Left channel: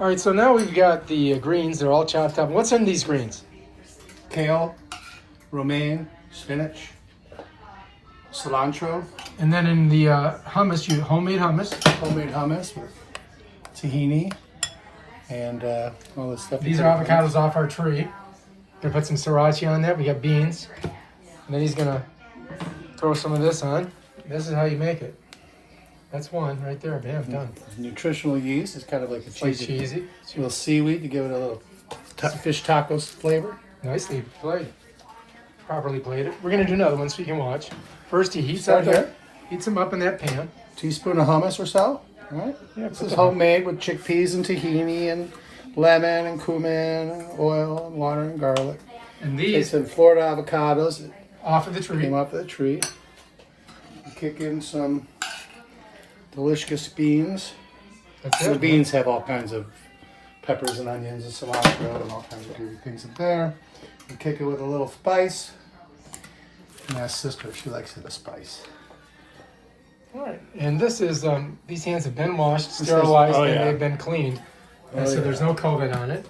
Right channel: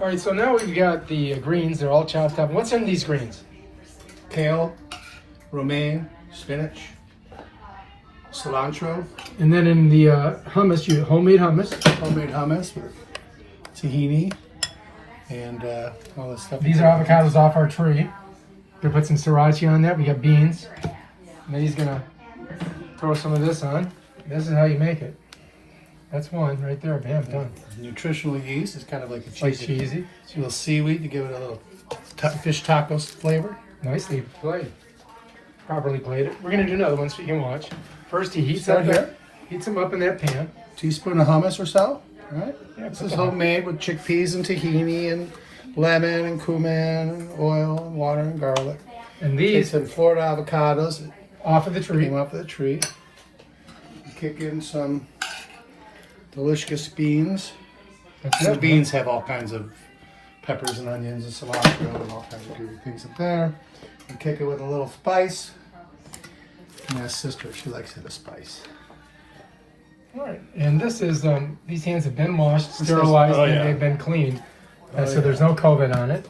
All right, so now we've got the greens. They're all chopped up. What's in these greens? Kale, romaine, spinach, cilantro, And then in the hummus, you homemade hummus. homemade hummus, with tahini, and all this stuff. These are avocados off our tree. We put some sriracha on that. We got beans. And then he's gonna throw some of this on. This is how you make it. That's one right there. Bam, done. Nutritional yeast is kind of like a It's like cheesy. cheesy. It's a little seaweed to give it a little fish tacos flavor. Nicely played. Properly played it. We're gonna do another one so you can watch. First, he heats Start up here. heats them up in that pan. Teaspoon of hummus or so. All right. Yeah, This put is that homemade with chickpeas and tahini and lemon and cumin, and oil and water and garlic. And These these are Florida avocados that off of the tree. came off the tree. Kick in some delicious beans. That's The it. beans have all kinds of peppers and onions and cilantro and all kinds of good things in there. And kick it with a little spice. My sister, she likes it with spice. All right. And this is these hands have been washed, sterilized, oh, and yeah. they've been cleaned. Oh, So yeah. there's no COVID on it.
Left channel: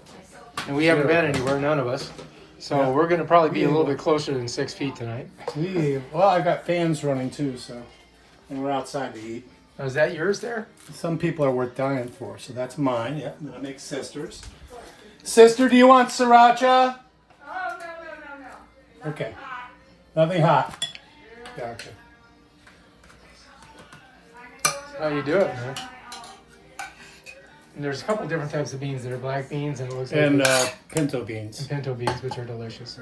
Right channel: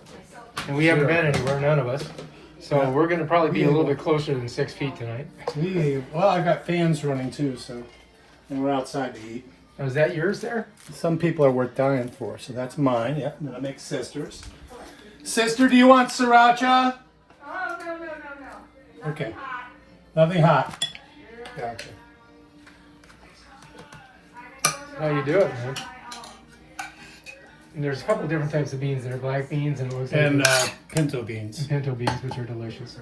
And we haven't Sure. been anywhere, none of us. So we're gonna probably be a little bit closer than 6 feet tonight. Well, I got fans running too, so and we're outside to eat. Oh, is that yours there? Some people are worth dying for, so that's mine. Yeah, I'm gonna make sisters. Sister, do you want sriracha? Oh, no. Okay. Nothing hot. Gotcha. How you do it, man? And there's a couple different types of beans. There are black beans and it looks like And pinto beans. and pinto beans, which are delicious.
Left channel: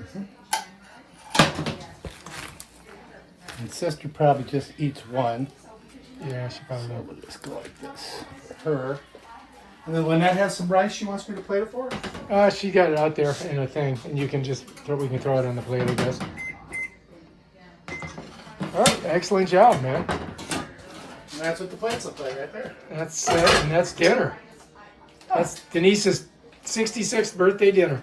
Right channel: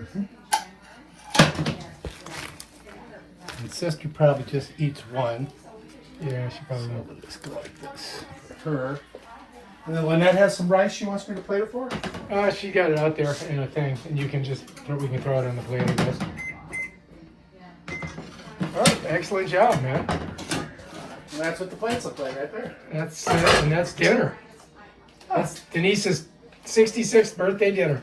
And sister probably just eats one. Yeah, she probably will. Let's go like this for her. And then Lynette has some rice she wants me to plate it for her. She got it out there in a thing, and you can just we can throw it on the plate, I guess. All right, excellent job, man. And that's what the plates look like right there. That's dinner. That's Denise's 66th birthday dinner.